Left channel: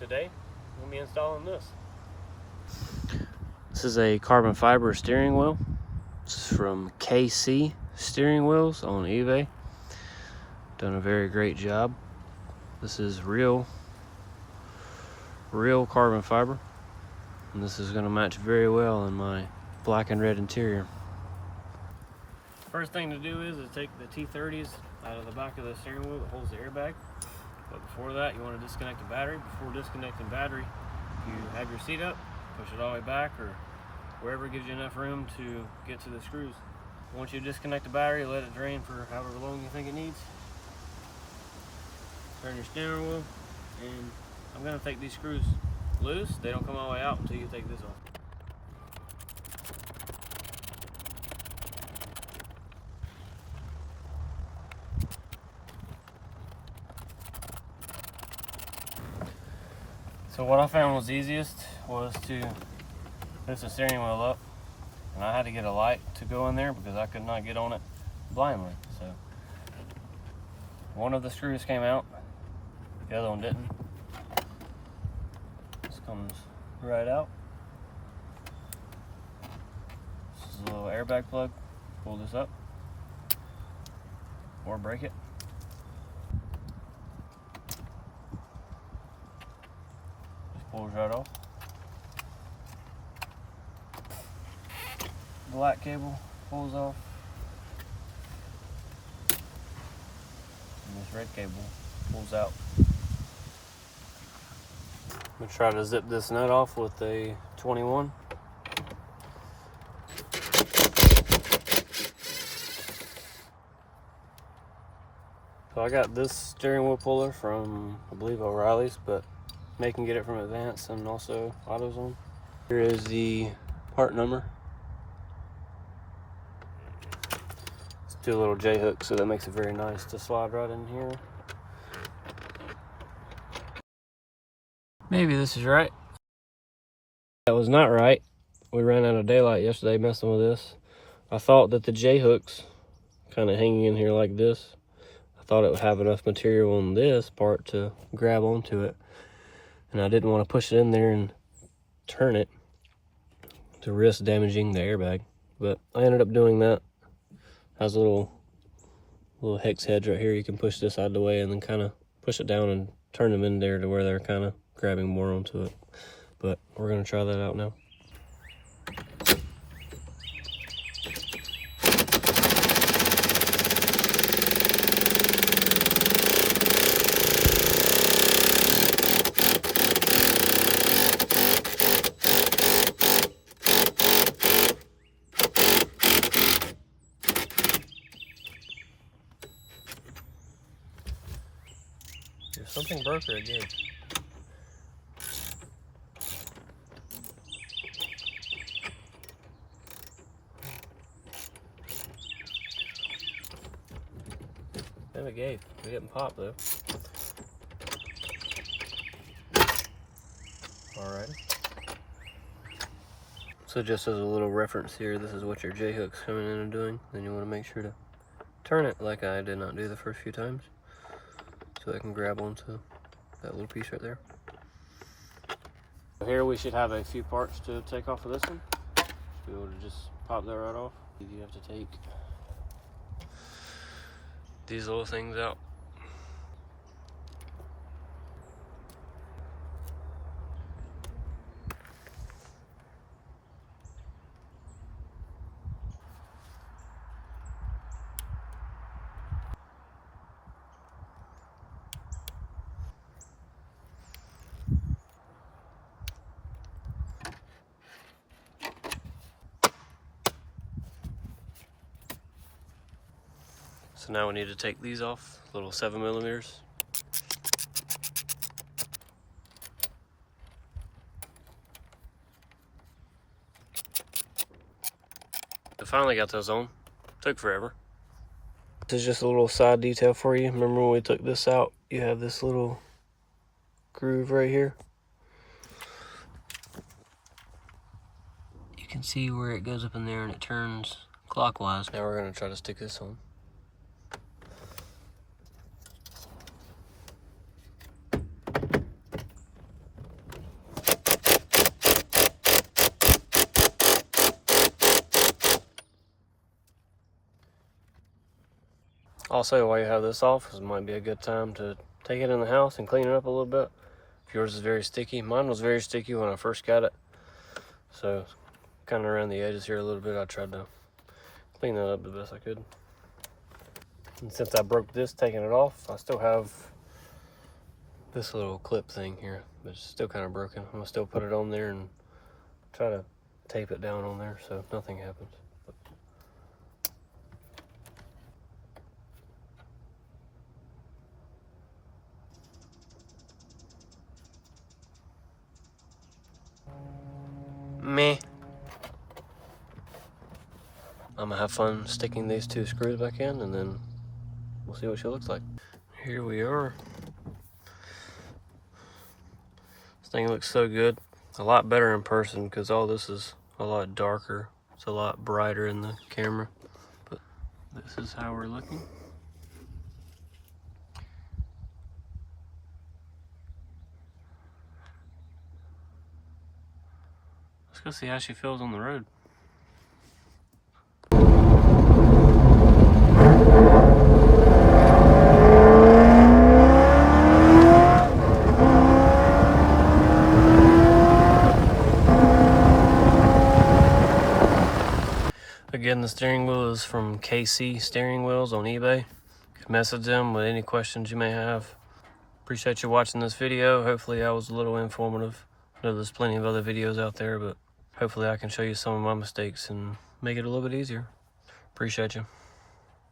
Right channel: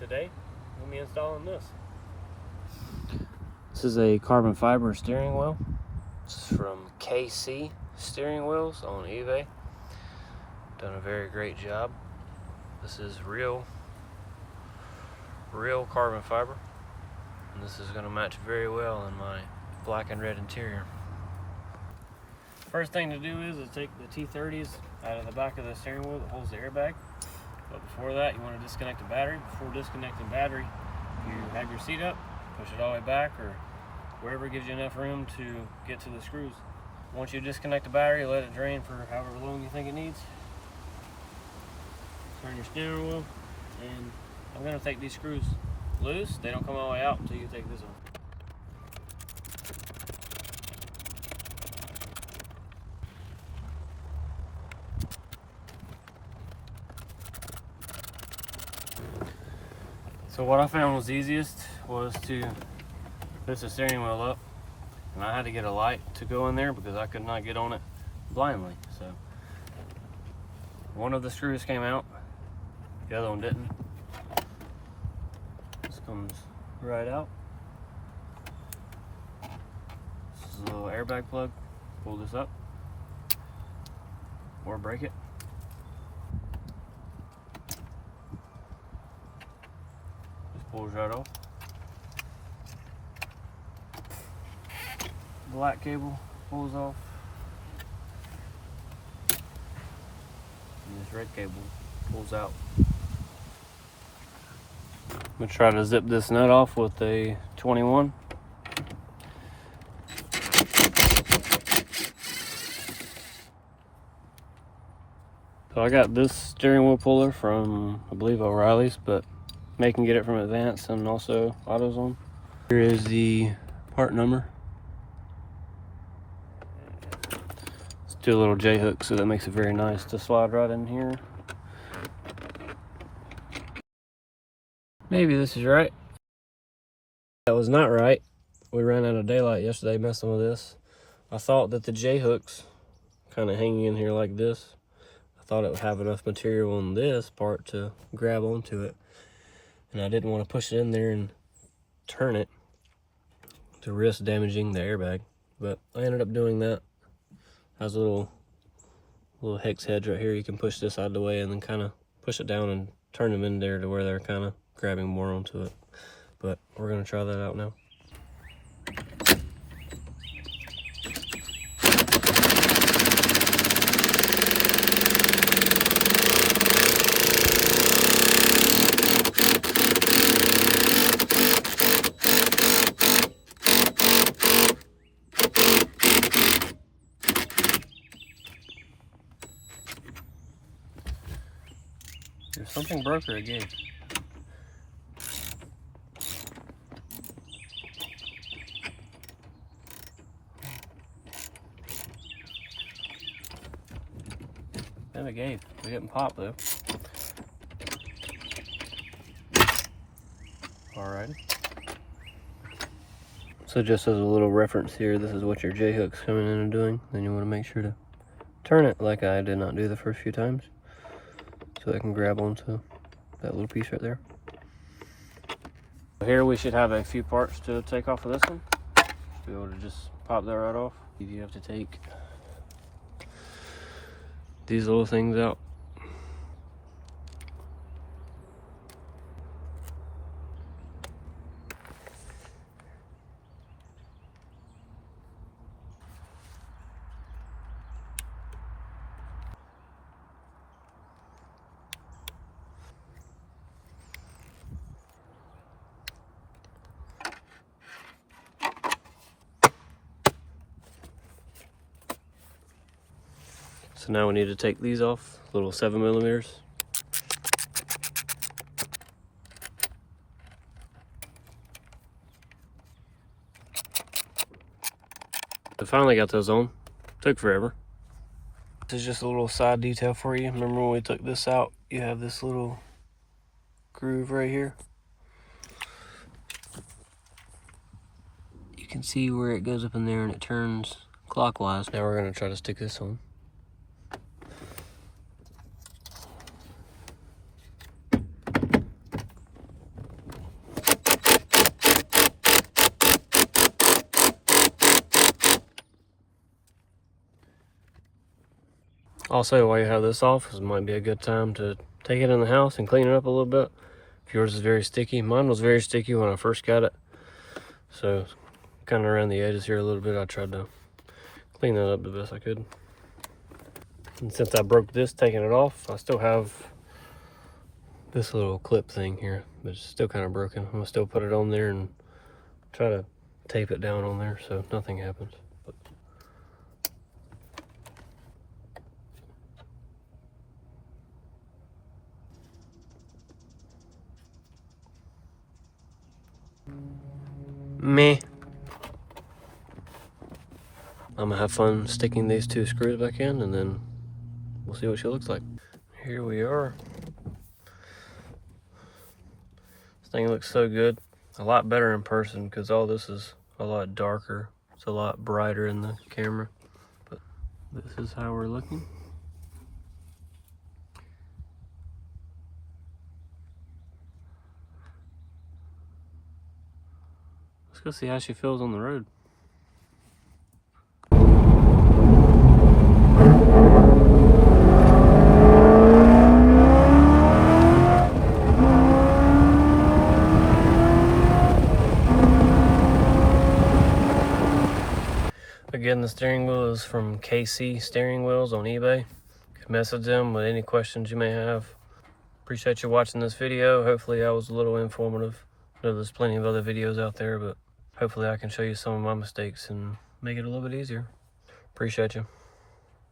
today we'll be installing this. This is a carbon fiber steering wheel. It's from KC Steering Wheels on eBay. Done a very great job. This is real carbon fiber, and this is going to match very well in my black and red interior. First thing to do is take the T30s out of the back of the steering wheel that holds the airbag. But before that, you want to disconnect the battery. Before disconnecting the battery, you have your seat up, push it all the way back or wherever gives you enough room to get to the screws. Once you disconnect the battery, let it drain for however long you think it needs. Turn your steering wheel, and I'm going to take these screws loose. They don't come all the way out until you take this off. So what I found was easiest was to lift the steering wheel up, and I had to get a light to go in there because I could not get on it blindly. So one of the screws came out, the other one didn't. This comes right out. This is a little airbag plug. Pull this up or break it. Pulls right off. Black cable pulls off. And this red cable pulls out. I'm gonna try to zip this nut off with a 21. So I got this steering wheel puller from, I believe, O'Reilly's, but May can get it from Advance and also AutoZone. Here is the part number. Let's do a little J-hook so that makes it very nice to slide right in here. Maybe this is right. That was not right. We ran out of daylight yesterday messing with this. I thought that the J-hooks kind of hanging in here like this, I thought it would have enough material on this part to grab onto it. And I didn't want to push it in there and turn it to risk damaging the airbag. But I ended up doing that. Has a little hex heads right here. You can push this out of the way and then kind of push it down and turn them in there to where they're kind of grabbing more onto it. But we're going to try that out now. If something broke or it gave. And it gave. It didn't pop though. Alrighty. So just as a little reference here, this is what your J-hook's coming in and doing. Then you want to make sure to turn it like I did not do the first few times, so I can grab onto that little piece right there. Here we should have a few parts to take off of this one. Be able to just pop that right off. You have to take these little things out. So now we need to take these off, little 7mm. I finally got those on. Took forever. This is just a little side detail for you. Remember when we took this out, you have this little groove right here. You can see where it goes up in there and it turns clockwise. Now we're gonna try to stick this on. Also, while you have this off, it might be a good time to take it in the house and clean it up a little bit. If yours is very sticky, mine was very sticky when I first got it. So, kind of around the edges here a little bit, I tried to clean that up the best I could. And since I broke this, taking it off, I still have this little clip thing here, but it's still kind of broken. I'm gonna still put it on there and try to tape it down on there so nothing happens. Meh. I'm gonna have fun sticking these two screws back in, and then we'll see what she looks like. Here we are. This thing looks so good. A lot better in person because all this is a lot darker. It's a lot brighter in the camera. But this is how we're looking. Let's go see how she feels on the road. Again, the steering wheel is from KC Steering Wheels on eBay. You can message them with any questions you may have. Appreciate you watching this video. Hopefully I was a little informative. I know there's plenty of other videos out there, but hopefully I can show you some of my mistakes and make it a little bit easier. Appreciate you.